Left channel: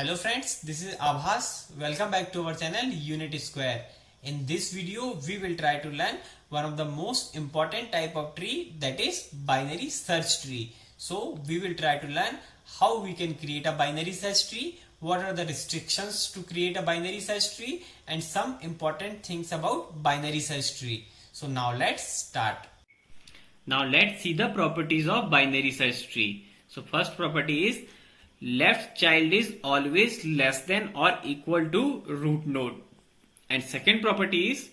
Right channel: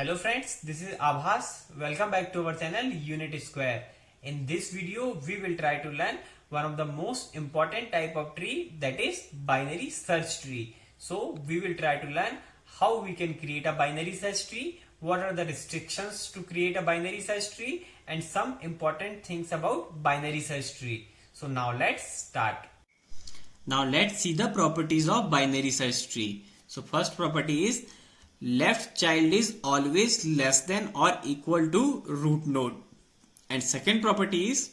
Hello friends, this is Abhas. Welcome back to our channel Unit Square. In this video, we will try to learn one of the most important type of tree, that is binary search tree. So we will try to learn how we can create a binary search tree, what are the restrictions to create a binary search tree, and some important things about binary search tree. So now let's start. Now let's see the properties of binary search tree. So first property is left child is always less than or equal to root node, and second property is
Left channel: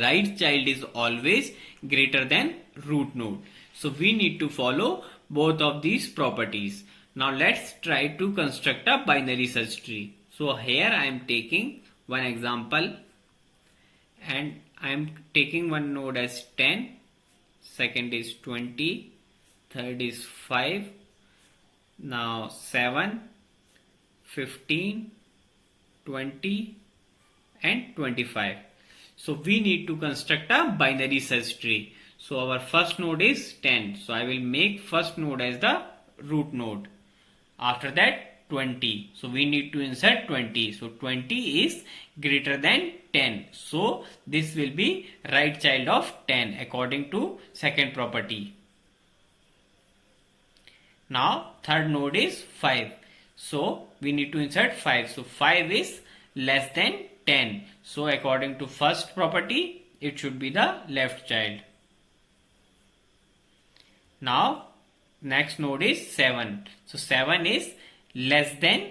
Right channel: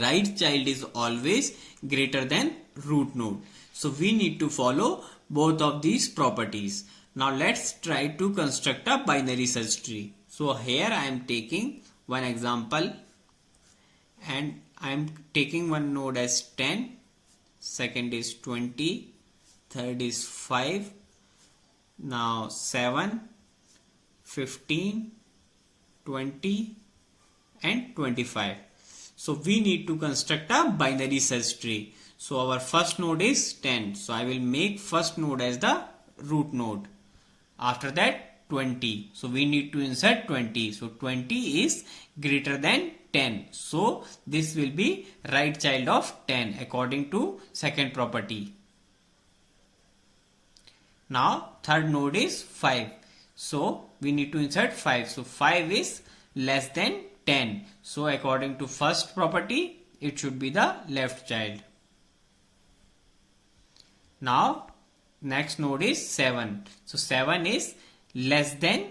right child is always greater than root node. So we need to follow both of these properties. Now let's try to construct a binary search tree. So here I am taking one example and I am taking one node as 10, second is 20, third is 5, now 7, 15, 20 and 25. So we need to construct a binary search tree. So our first node is 10. So I will make first node as the root node. After that 20. So we need to insert 20. So 20 is greater than 10. So this will be right child of 10 according to second property. Now third node is 5. So we need to insert 5. So 5 is less than 10. So according to first property, it should be the left child. Now next node is 7. So 7 is less than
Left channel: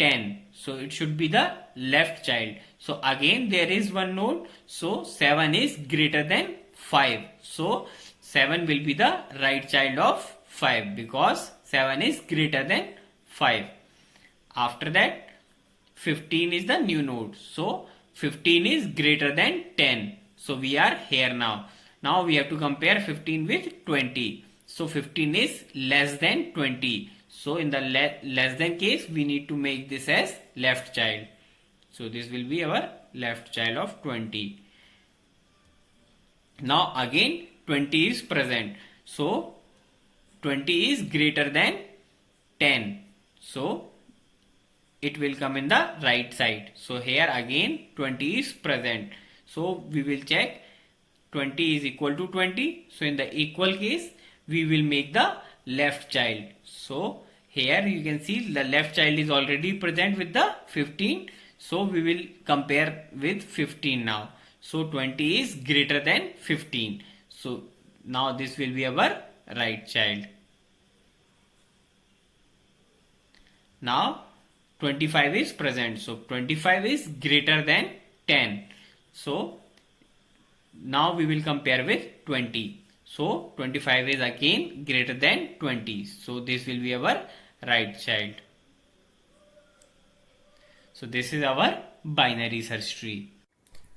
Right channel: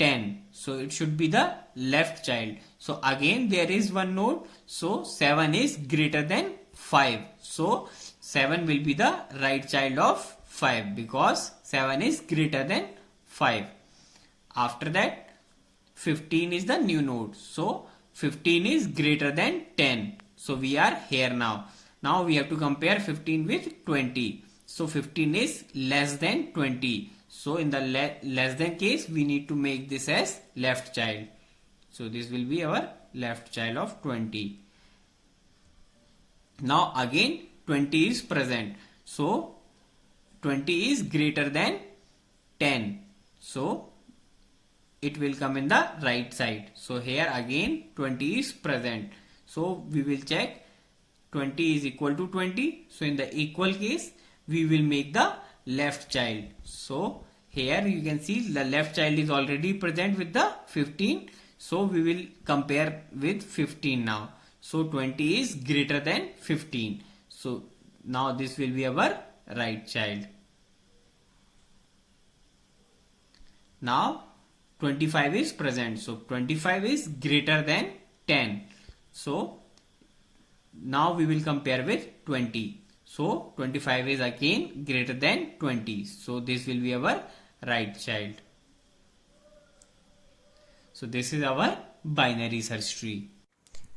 10. So it should be the left child. So again there is one node. So 7 is greater than 5. So 7 will be the right child of 5 because 7 is greater than 5. After that 15 is the new node. So 15 is greater than 10. So we are here now. Now we have to compare 15 with 20. So 15 is less than 20. So in the less than case we need to make this as left child. So this will be our left child of 20. Now again 20 is present. So 20 is greater than 10. So it will come in the right side. So here again 20 is present. So we will check 20 is equal to 20. So in the equal case we will make the left child. So here you can see the left child is already present with the 15. So we will compare with 15 now. So 20 is greater than 15. So now this will be our right child. Now 25 is present. So 25 is greater than 10. So now we will compare with 20. So 25 is again greater than 20. So this will be our right child. So this is our binary search tree.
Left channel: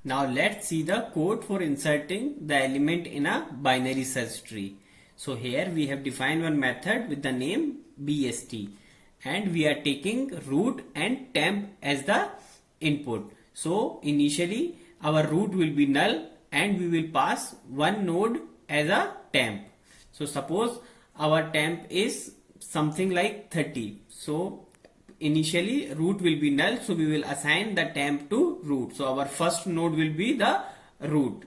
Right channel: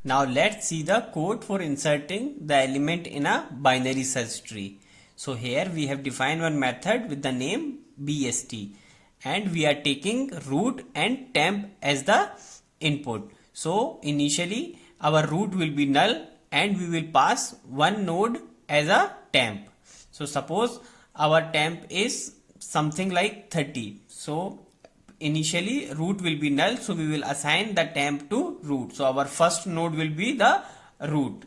Now let's see the code for inserting the element in a binary search tree. So here we have defined one method with the name BST, and we are taking root and temp as the input. So initially our root will be null and we will pass one node as a temp. So suppose our temp is something like 30. So initially root will be null, so we will assign the temp to root. So our first node will be the root.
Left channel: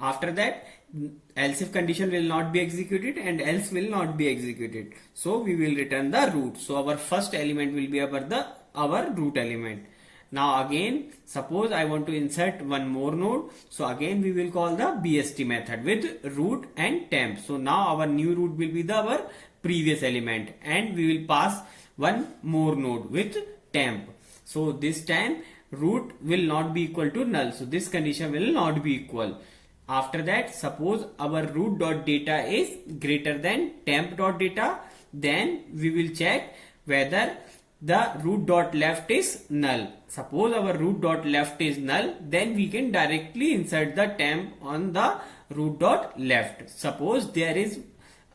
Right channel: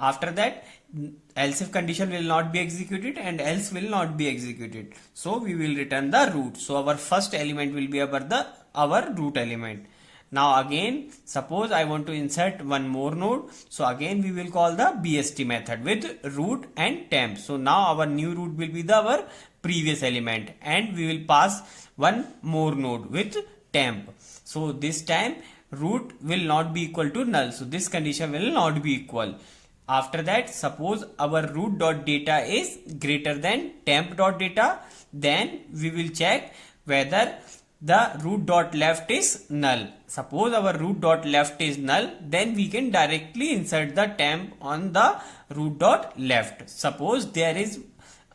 After that else if condition will not be executed and else will not be executed. So we will return the root. So our first element will be our root element. Now again suppose I want to insert one more node. So again we will call the BST method with root and temp. So now our new root will be our previous element and we will pass one more node with temp. So this time root will not be equal to null. So this condition will not be equal. After that suppose our root dot data is greater than temp dot data, then we will check whether the root dot left is null. Suppose our root dot left is null, then we can directly insert the temp on the root dot left. Suppose there is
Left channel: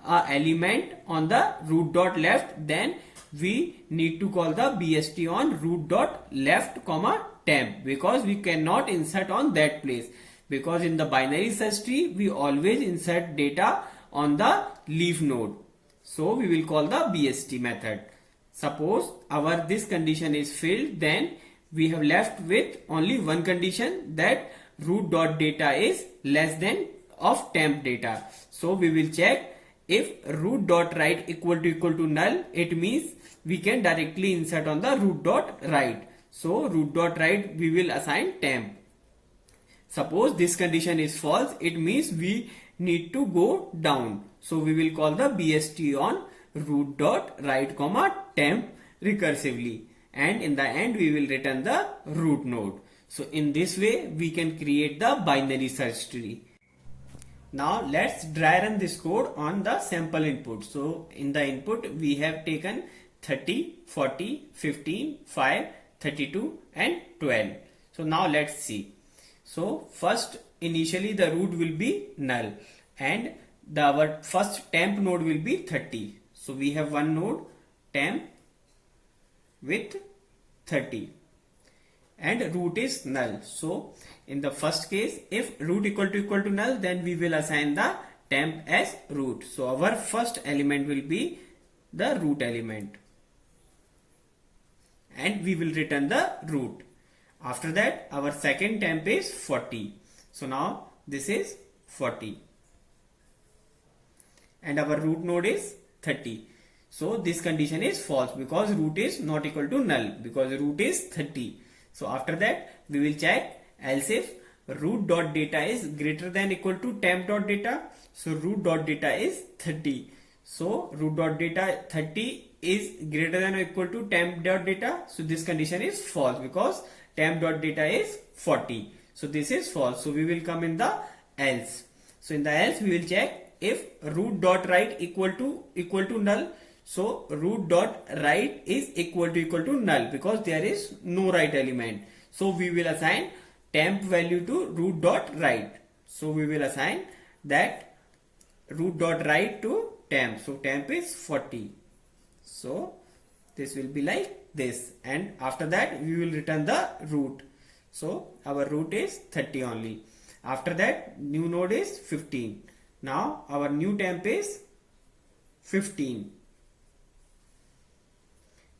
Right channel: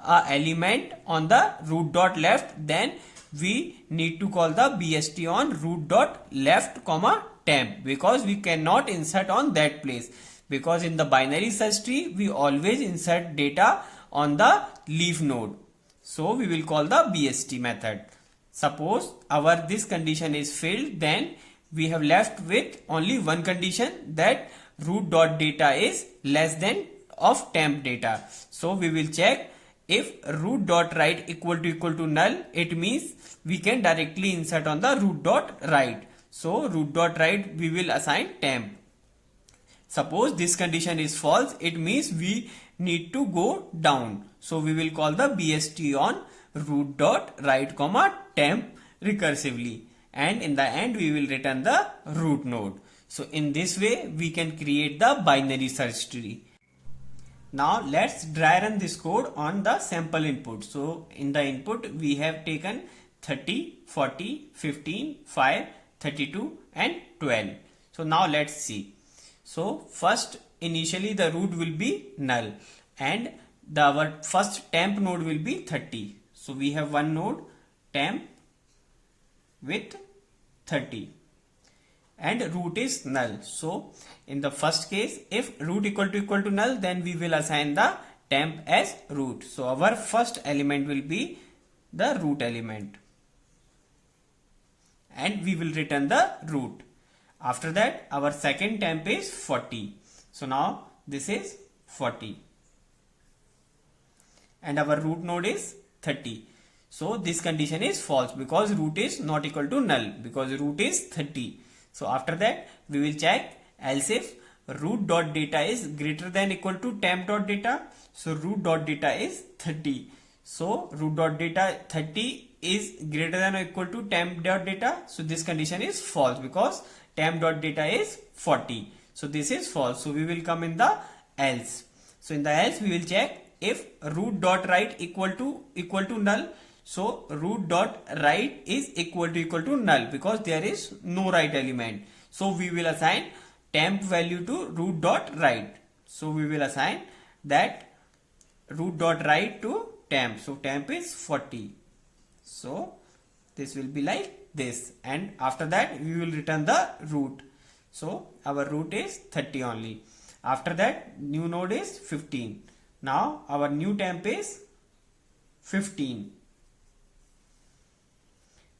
a element on the root dot left, then we need to call the BST on root dot left comma temp, because we cannot insert on that place, because in the binary search tree we always insert data on the leaf node. So we will call the BST method. Suppose our this condition is filled, then we have left with only one condition, that root dot data is less than of temp data. So we will check if root dot right equal to null, it means we can directly insert on the root dot right. So root dot right we will assign temp. Suppose this condition is false, it means we need to go down. So we will call the BST on root dot right comma temp recursively, and in the end we will return the root node. So in this way we can create the binary search tree. Now let's dry run this code on the sample input. So in the input we have taken 30, 40, 15, 5, 32 and 12. So now let's see. So first initially the root will be null and our first temp node will be 30. So we have one node temp with 30 and root is null. So in the first case, if root equal to null, then we will assign the temp as root. So our first element will be the root element and we will return the root. After that our second temp is 40. So now this is 40 and our root node is 30. So this condition is false because root is not equal to null, because root is 30. So after that we will check else if root dot data is greater than equal to temp dot data. So root dot data is 30. So root dot data 30 is greater than or equal to temp dot data. So this condition is false because temp dot data is 40. So this is false. So we will come in the else. So in the else we will check if root dot right equal to null. So root dot right is equal to null because there is no right element. So we will assign temp value to root dot right. So we will assign that root dot right to temp. So temp is 40. So this will be like this, and after that we will return the root. So our root is 30 only. After that new node is 15. Now our new temp is 15.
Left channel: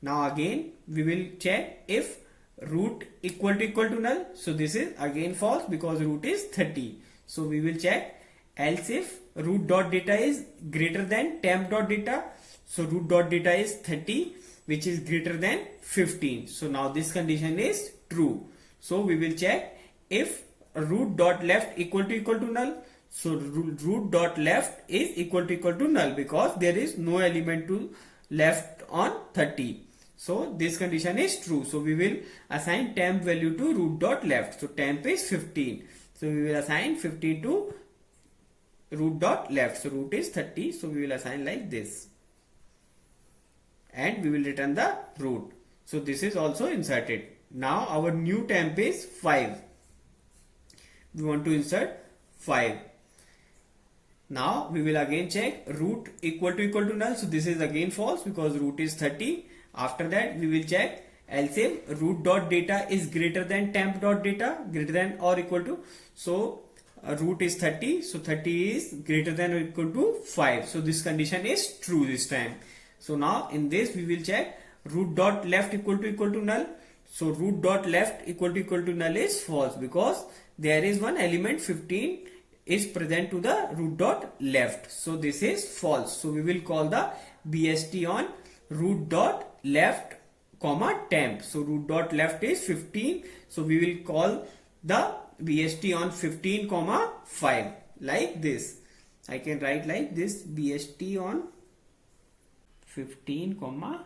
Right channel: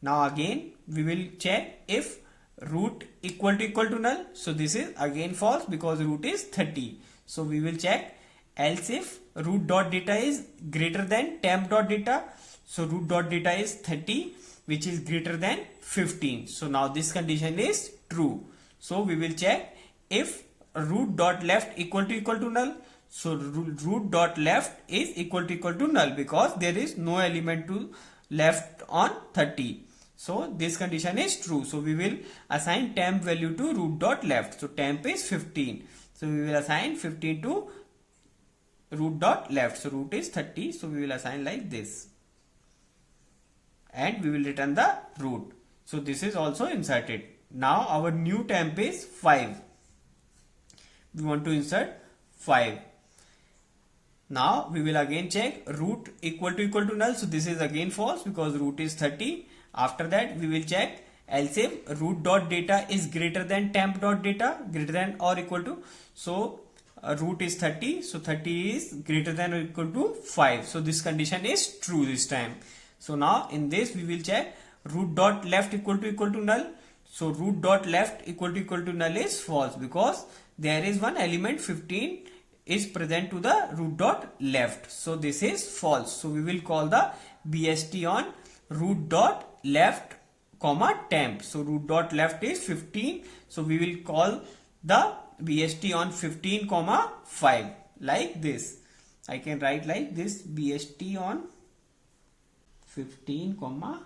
Now again we will check if root equal to null. So this is again false because root is 30. So we will check else if root dot data is greater than temp dot data. So root dot data is 30 which is greater than 15. So now this condition is true. So we will check if root dot left equal to null. So root dot left is equal to null because there is no element to left on 30. So this condition is true. So we will assign temp value to root dot left. So temp is 15. So we will assign 15 to root dot left. So root is 30. So we will assign like this. And we will return the root. So this is also inserted. Now our new temp is 5. We want to insert 5. Now we will again check root equal to null. So this is again false because root is 30. After that we will check else if root dot data is greater than temp dot data, greater than or equal to. So root is 30. So 30 is greater than or equal to 5. So this condition is true this time. So now in this we will check root dot left equal to null. So root dot left equal to null is false because there is one element 15 is present to the root dot left. So this is false. So we will call the BST on root dot left comma temp. So root dot left is 15. So we will call the BST on 15 comma 5 like this. I can write like this BST on 15 comma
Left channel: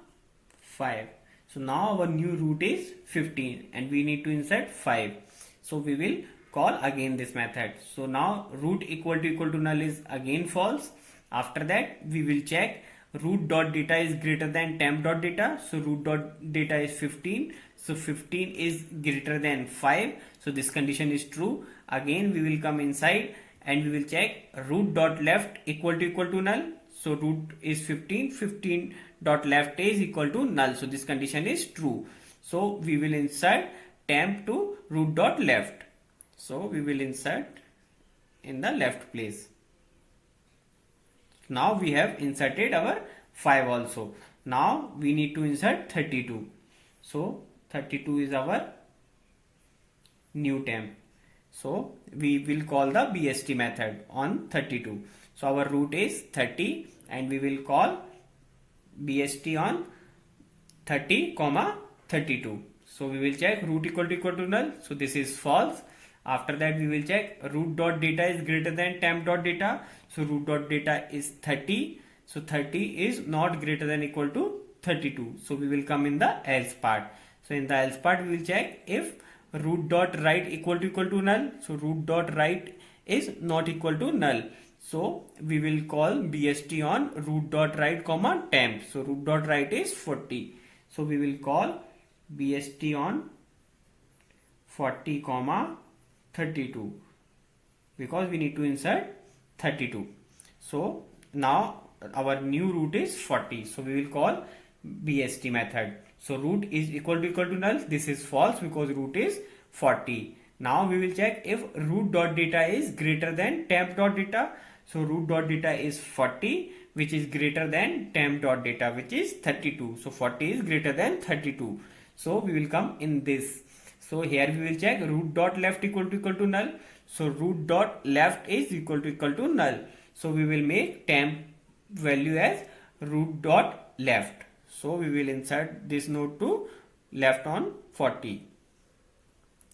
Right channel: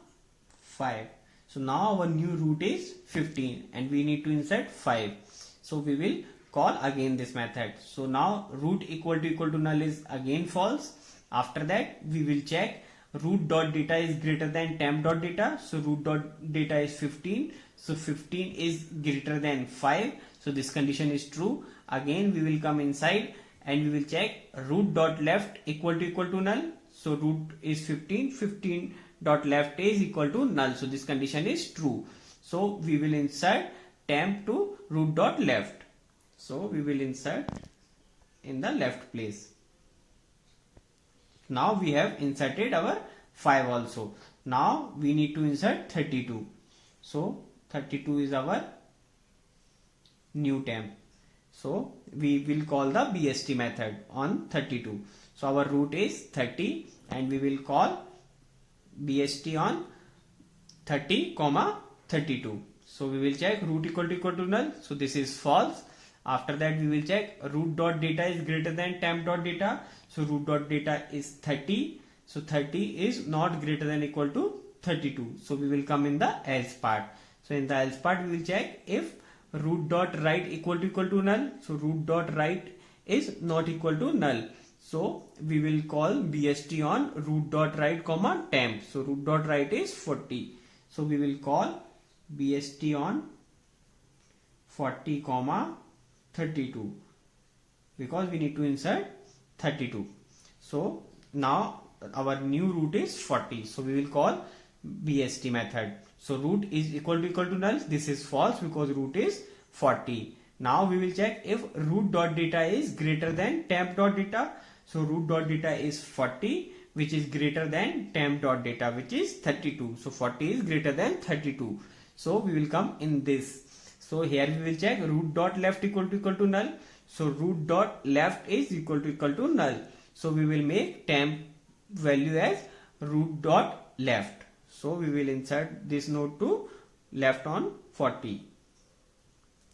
5. So now our new root is 15 and we need to insert 5. So we will call again this method. So now root equal to null is again false. After that we will check root dot data is greater than temp dot data. So root dot data is 15. So 15 is greater than 5. So this condition is true. Again we will come inside and we will check root dot left equal to null. So root is 15. 15 dot left is equal to null. So this condition is true. So we will insert temp to root dot left. So we will insert in the left place. Now we have inserted our 5 also. Now we need to insert 32. So 32 is our new temp. So we will call the BST method on 32. So our root is 30 and we will call BST on 30 comma 32. So we will check root equal to null. So this is false. After that we will check root dot data is greater than temp dot data. So root dot data is 30. So 30 is not greater than equal to 32. So we will come in the else part. So in the else part we will check if root dot right equal to null. So root dot right is not equal to null. So we will call BST on root dot right comma temp. So root dot right is 40. So we will call BST on 40 comma 32 because we need to insert 32. So now our new root is 40. So we will call BST method. So root is equal to null. This is false because root is 40. Now we will check if root dot data is greater than temp dot data. So root dot data is 40 which is greater than temp dot data which is 32. So 40 is greater than 32. So we will come in this. So here we will check root dot left equal to null. So root dot left is equal to null. So we will make temp value as root dot left. So we will insert this node to left on 40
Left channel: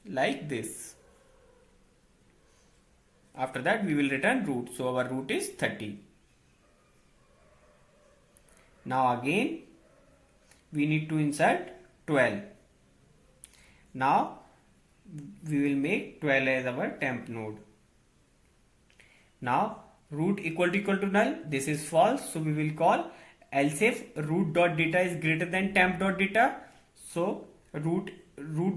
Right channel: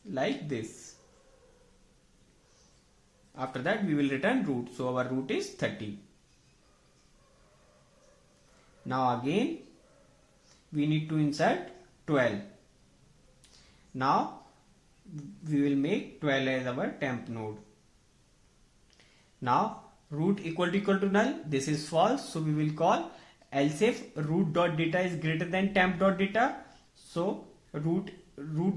like this. After that we will return root. So our root is 30. Now again we need to insert 12. Now we will make 12 as our temp node. Now root equal to null. This is false. So we will call else if root dot data is greater than temp dot data. So root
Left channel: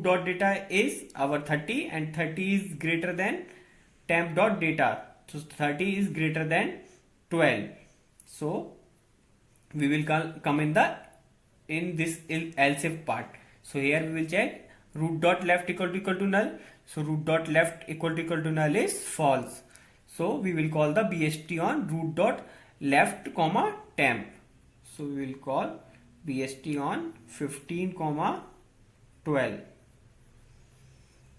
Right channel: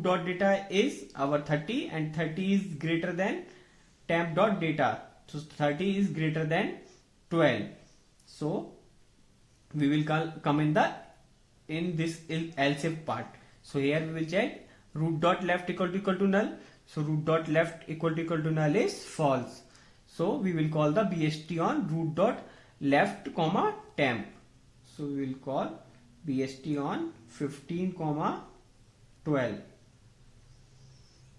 dot data is our 30 and 30 is greater than temp dot data. So 30 is greater than 12. So we will come in this else if part. So here we will check root dot left equal to null. So root dot left equal to null is false. So we will call the BST on root dot left comma temp. So we will call BST on 15 comma 12.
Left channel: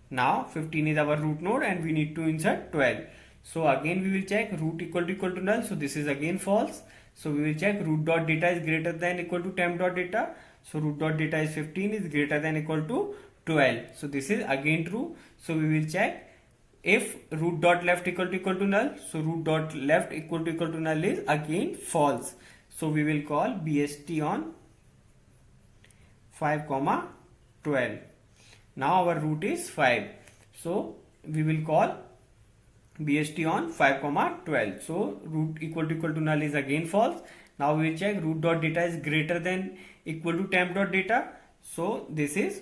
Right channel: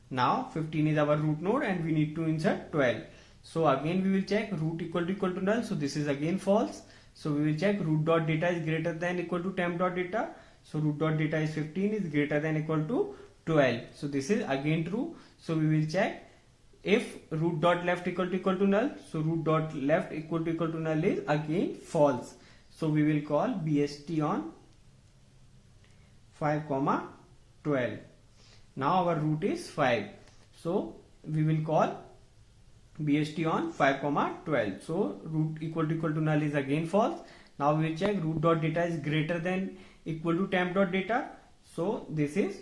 Now 15 is our root node and we need to insert 12. So again we will check root equal to null. So this is again false. So we will check root dot data is greater than equal to temp dot data. So root dot data is 15 is greater than equal to 12. So this is again true. So we will check if root dot left equal to null. So root dot left equal to null is again false. So we will call BST on 5 comma 12. Now our root is 5. So we will call BST on 5 comma 12. So root equal to null is again false. Now we will check root dot data is greater than equal to temp dot data. So this is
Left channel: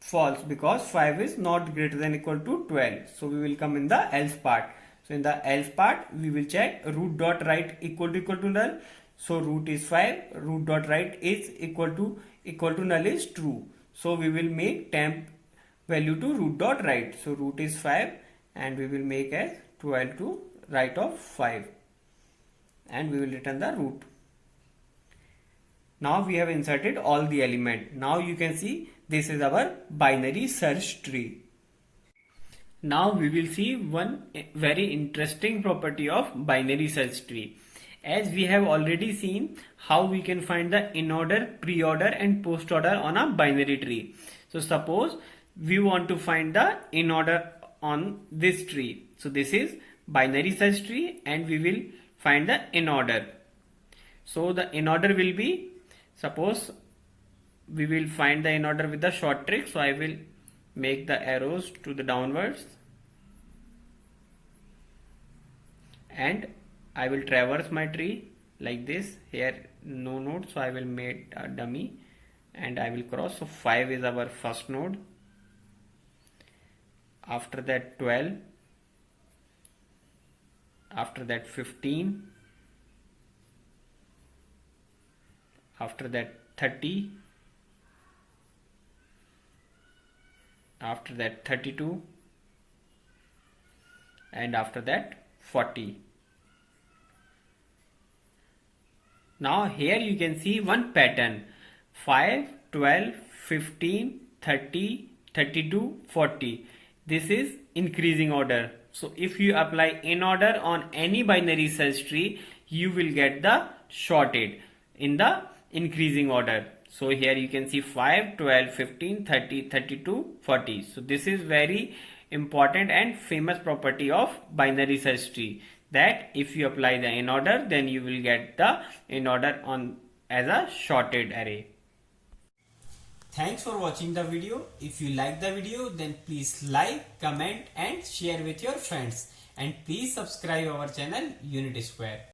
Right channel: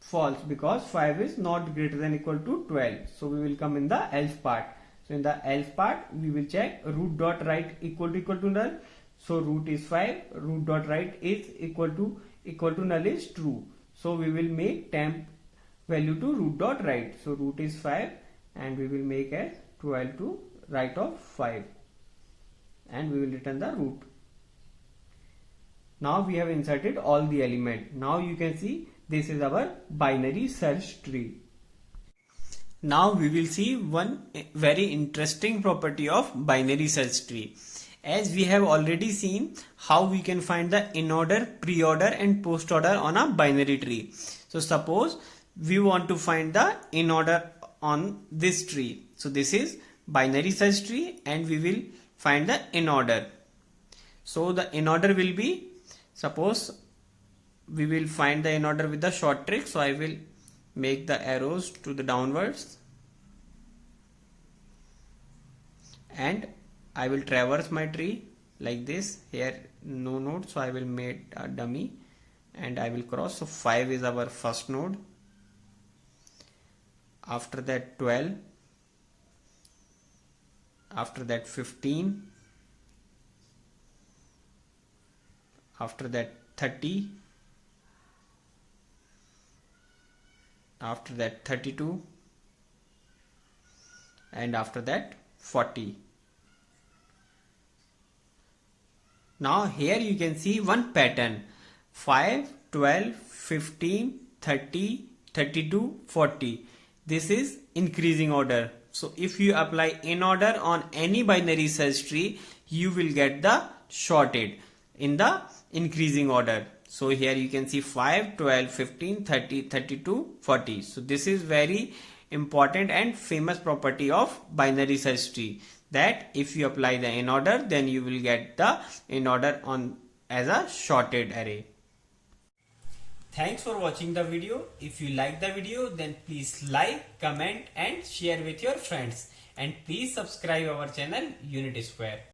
false because 5 is not greater than equal to 12. So we will come in the else part. So in the else part we will check root dot right equal to null. So root is 5, root dot right is equal to null is true. So we will make temp value to root dot right. So root is 5 and we will make as 12 to right of 5 and we will return the root. Now we have inserted all the element. Now you can see this is our binary search tree. Now we will see one very interesting property of binary search tree. As we have already seen how we can find the in order, pre-order and post order on a binary tree. So suppose we want to find the in order on this tree. So this is binary search tree and we will find the in order. So the in order will be, suppose we will find the in order with the short trick. So I will make the arrows to the downwards and I will traverse my tree like this. Here no node, so I will make a dummy and I will cross. So 5 is our first node. After that 12. After that 15. After that 30. After that 32. And after that 40. Now here you can see one pattern: 5, 12, 15, 30, 32, 40. This is increasing order. So if you apply in order on any binary search tree, you will get the sorted in the increasing order. So here you can see 5, 12, 15, 30, 32, 40. So this is very important and famous property of binary search tree, that if you apply the in order, then you will get the in order on as a sorted array. Thanks for watching the video. If you like the video, then please like, comment and share with your friends. And please subscribe our channel Unit Square.